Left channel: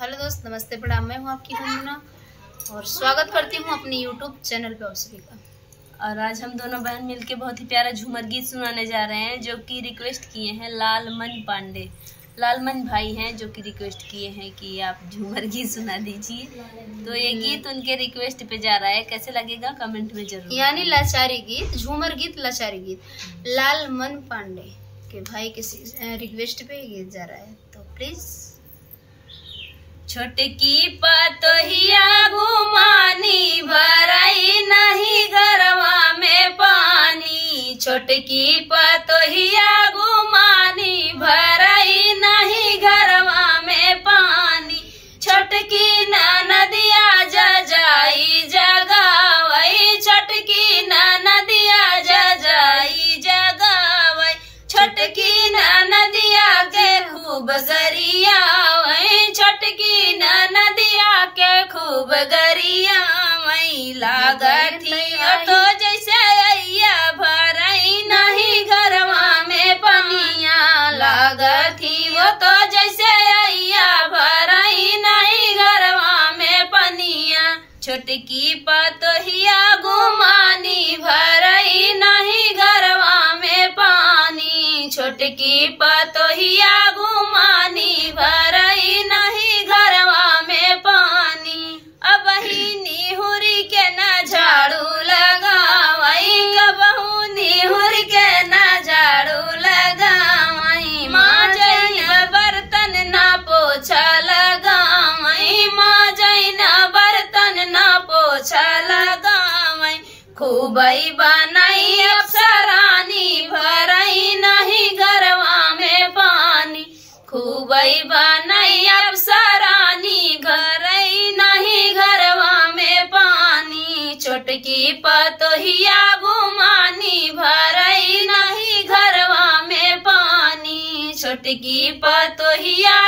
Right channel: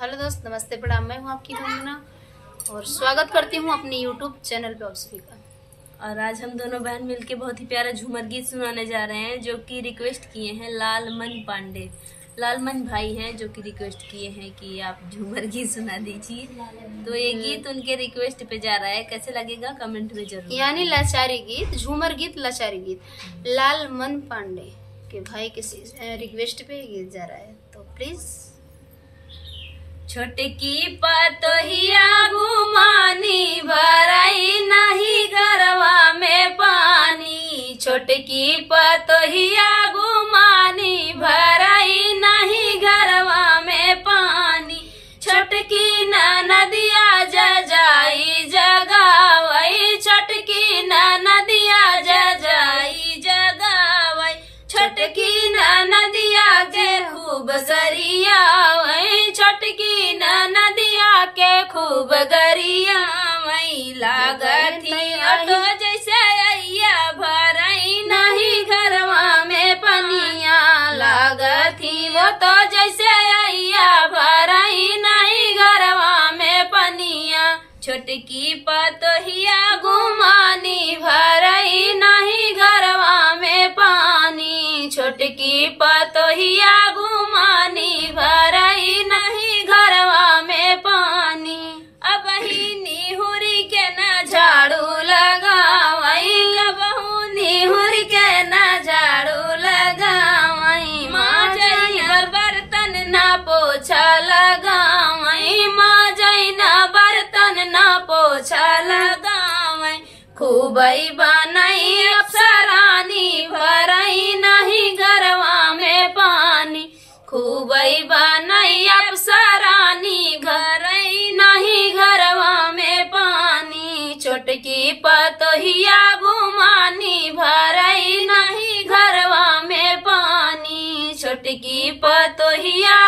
Hello दोस्त, नमस्ते, प्रणाम। मैं हूँ आपकी गुनगुना और स्वागत करती हूँ अपनी यूट्यूब चैनल पे आप सभी का। और आज हम दोनों बहन मिलके बहुत ही प्यारा झूमर गीत सुनाने जा रहे हैं, जो कि रिक्वेस्ट किए हैं लालमन पांडे। लालमन भाई हैं जो कि रिक्वेस्ट किए हैं कि आप झूमर गीत सुना दीजिए। तो ये गीत उनके रिक्वेस्ट पे जा रहा है, कैसे लगेगा कमेंट में जरूर। यानी लाचारी गीत, झूमर गीत, लाचारी गीत लालमन पांडे के भाई के रिक्वेस्ट पे गीत जा रहा है, तो प्लीज। छोटकी पतोहिया घुमानी भराई नहीं गरवा में पानी। छोटकी पतोहिया घुमानी भराई नहीं गरवा में पानी। छोटकी नदिया जजाई जगावई। छोटकी नदिया जजाई जगावई। छोटकी नदिया के खूब गरियावई। छोटकी नदिया के खूब गरियावई। लागथी तो जैसे अइया भरई नहीं घरवा में पनिया। लागथी तो जैसे अइया भरई नहीं घरवा में पनिया। छोटकी पतोहिया घुमानी भरई नहीं घरवा में पानी। छोटकी पतोहिया घुमानी भरई नहीं घरवा में पानी। अब ही निहुरी के न झाड़ू लगावई। कबहू निहुरी के न झाड़ू लगावई। माजई बर्तन न पोछा लगावई। माजई न बर्तन न पोछा लगावई। खूबई बनाई अप्सरानी भरई नहीं घरवा में पानी। खूबई बनाई अप्सरानी भरई नहीं घरवा में पानी। छोटकी पतोहिया घुमानी भरई नहीं घरवा में पानी। छोटकी पतोहिया